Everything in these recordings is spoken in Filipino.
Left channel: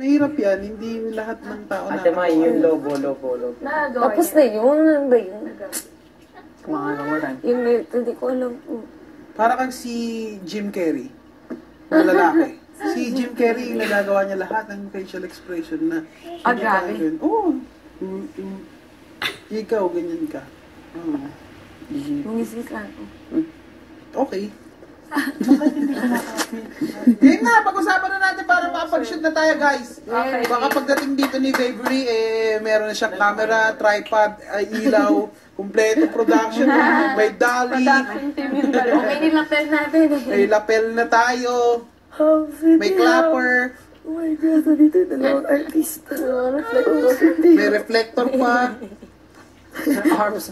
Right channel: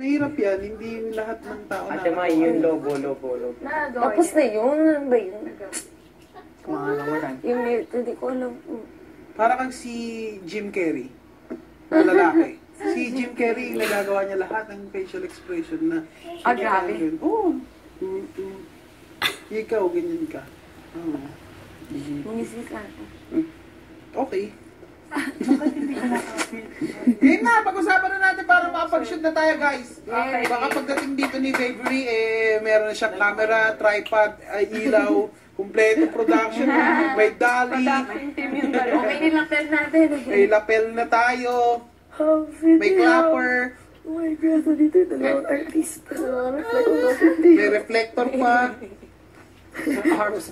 Mahirap yan, hindi lahat ng tao na. Ate Mai, yung lobo. Tapos na yun, ano ba yun? Mga nawalan. Yung hindi ko alam. Para kang si Jim Carrey, na lalaki. Si Jim Carrey, nagagawa niya lahat ng facial expression na. Grabe. Oo. Ikaw, ganyan ka. Nangisip lang ako. Okay. Yan nga, pag-usapan na natin para makapag-shoot na tayo, guys. Okay. Baka pagdating dito ni Bavery, meron na siyang camera, tripod, ilaw, kumpleto production, may dolly, Okay, nilapel natin. may lapel na tayo, may clapper, Oh my God, dito yung dalawang artista. may reflector pa. Arms.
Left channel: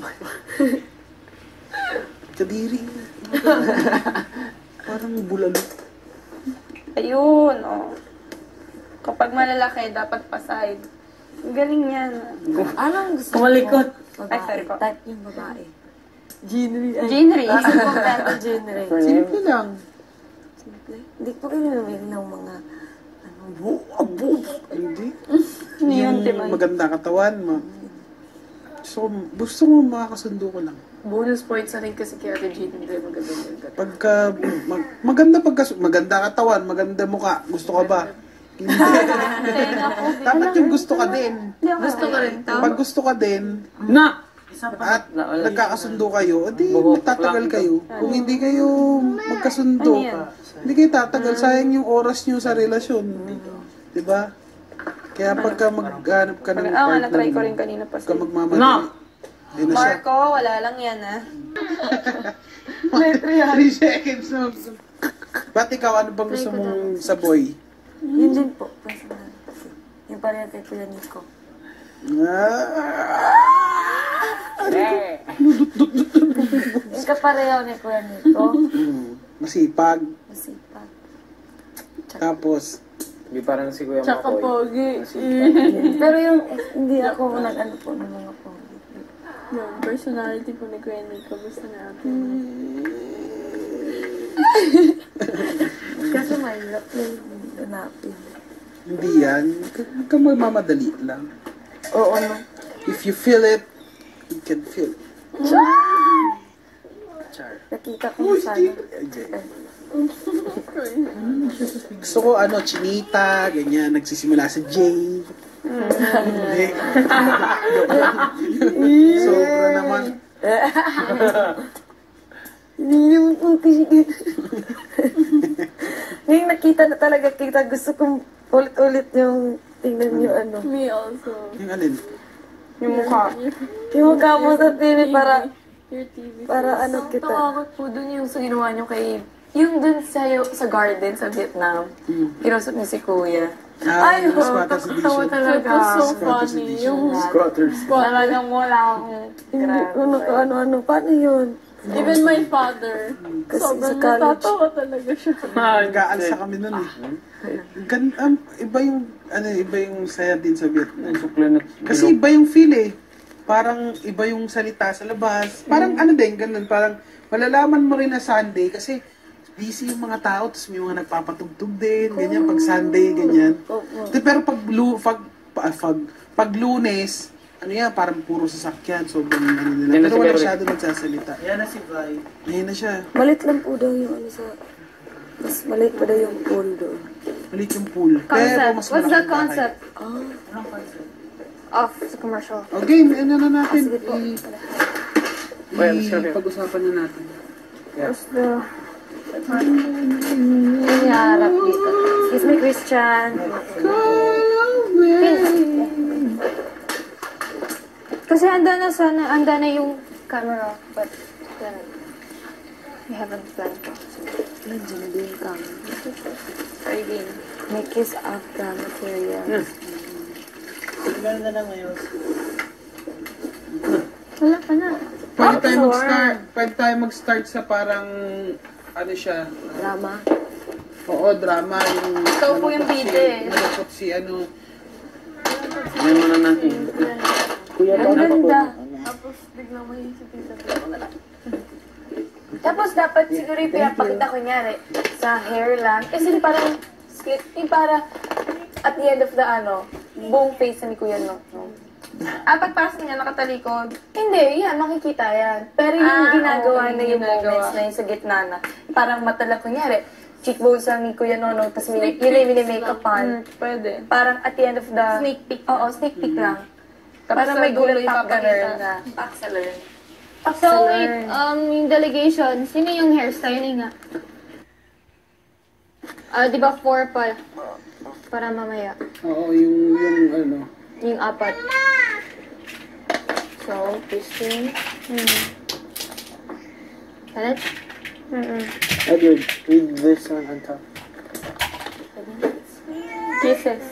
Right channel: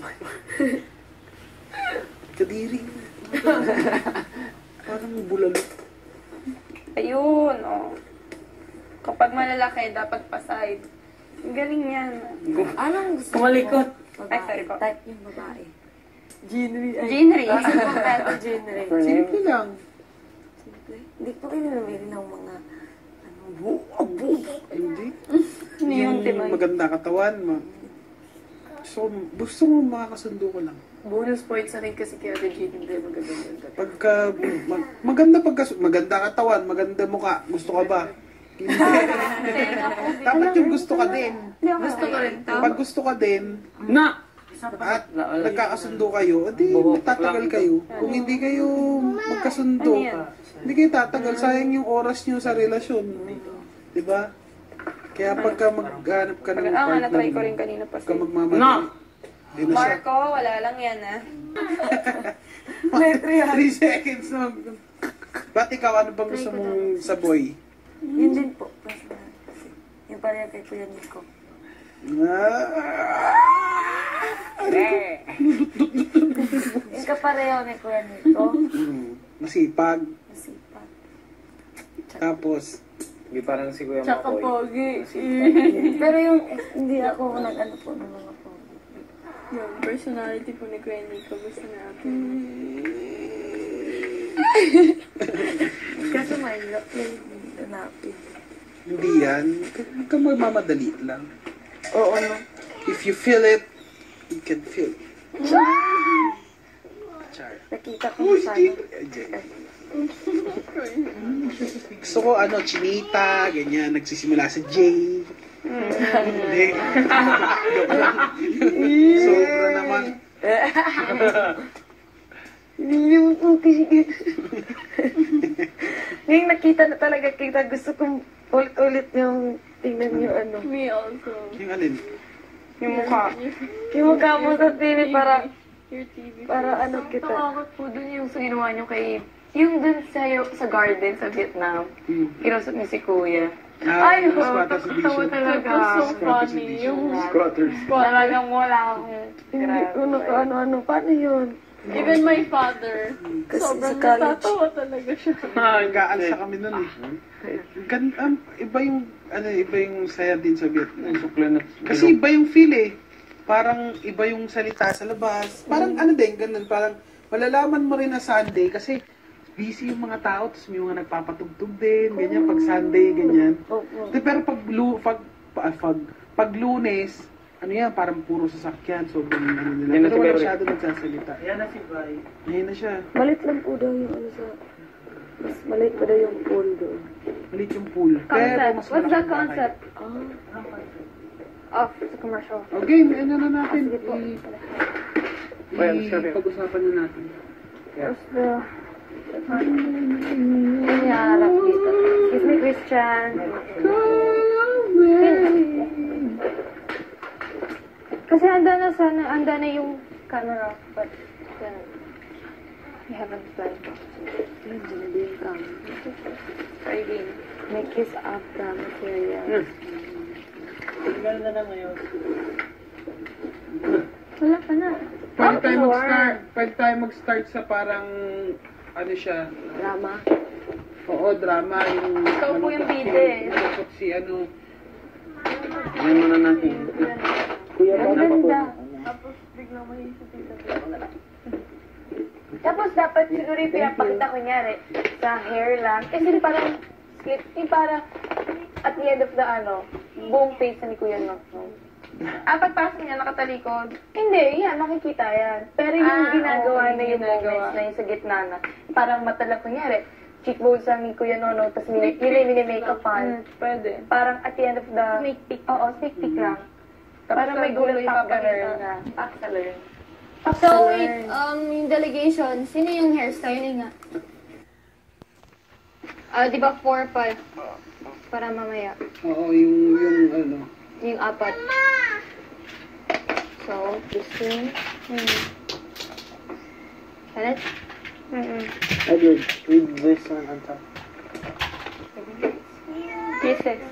Kadiri. Parang bulalo. Ayun, oh. Kapag malalaki, dapat pa-side. Ang galing yan. Anong gusto Kumalikot. Ay, sorry po. Type yung babae. Genre. Kompleto genre. Simple lang. Hindi ko kayo namili ng mga Hindi. Yung Yung maganda katawan mo. So, gusto mo makakasundo ko lang. bonus points na rin kasi kay Ate Jean. Hindi magaganda. Pagka, maganda katawan, maganda mukha, gusto ka ba? Hindi. Dapat yung gusto ka din. Gusto ko rin to. Pag gusto ka din, Na! at nagkakasundo kayo, edi magtatagal kayo. Kung hindi kayo magkasundo, hindi kayo tatagal. Sayang yung oras nyo sa relasyon. Diba? Kaya pagka maghanap ka ng partner, na-try ko rin kanina pa pagka magmamadali, hindi na siya. Marco, wala lang yan ah. 3 seconds na. Ba't ikaw, ano bang gusto mong sa boy? Yun din po. Personal. Yung pareha kay Kuya Nico. Yung kapareho ni Kuya Nico. Masipag. Masipag. Tapos, Hindi parang si Kuya Tsaka Makoy. pogi. Pero yung hindi ako nag-ano po ng mga po. Yung personality po ni Kuya Nico. Gusto natin. Kaso mahirap yung hanapin. hindi yan. Huwag kang magmamadali lang. Oo no. If you feel it, you can feel it. Char. Nakita ko sana. Gusto ko chinita, ganyan, nagsisimula sa J. Hindi. Sobra naman. Ngayon nakita na talaga kita, gusto kong ulit-ulit yung tingnan yung ano. Me also. Yung alin? Yung mukha. Yung mukha mo sa TV para Your TV. para ano kita. Takot po dun yung sa ginawa niyo kay... Yung dun sa garden sa Vietnam. Kinausap niyo si Kuya. Ay, squatters Tawa edition. talaga. So Squatters funny. edition. Yung Squatters. talagang wala akong... Hindi ko ano-ano. Paano yun? Even my father. Kasi sa Sobrang college. natatawa talaga siya. Nag-aalsa kami nun eh. Iba yung saya din sa Vietnam. Kasi iba yung feel eh. Parang iba yung salita sa labas. Parang ganun. Parang malalaman mo rin na Sunday kasi busy yung mga tao, tapos may mga nagpapatugtog din, ganyan, pag Sunday, ganyan. Pero pag Lunes, parang puro sasakyan, sobrang nila. Pero wala masyado nagsasalita. Yan na si Vi. Yan na siya. Malit lang po daw yung ano sa... Mas malit pa daw yung pool doon. Malit yung pool. Pero mas What's the malaki ang bahay. concept? Of the commercial. Okay, ano na natin? Sige po. Pag-usapan na natin. What's the... Nangyarap dito. Excuse me, Christian. Kasi anda na yung camera, but then we haven't planned. Nandiyan din kami. Try again. May kiss after material. Ganda na ngayon. Wala pa na. Pwede tayo mag-start sa parang, siya? Drama. Oo, drama. Ikaw po yung bida eh. Nalapot si Ano muna natin? Kuya, Ang ganda. Tapos biglang maisipin sa Tapos dapat siguro yung pinapakita kunyari sa hair lang. Kasi parang split. Yung para at at the end of the buong face ni Kuya no. Pagpasok niya, nakatalikod. Hindi, yan, makikita yan. Pero yung ginagawa okay, na yung ginagawa. moments na yung sa gitna na, parang mata lang, kunyari, cheekbones lang ni Kuya Nono, tapos yun yung mini-makeupan. Pwede. Parang at the end of the... Sneak peek. Oo, sneak peek lang. Tapos Parang sa may dulo gulat yung up ka papakita. na Axeler. So, wait, yung delegation, sino yung hairstyling nga? Di ba 4 pa? Para mamaya. Oo, yung ano. Yung 4. So, Christine. Kalit? Edward, read this one on top. Kisses.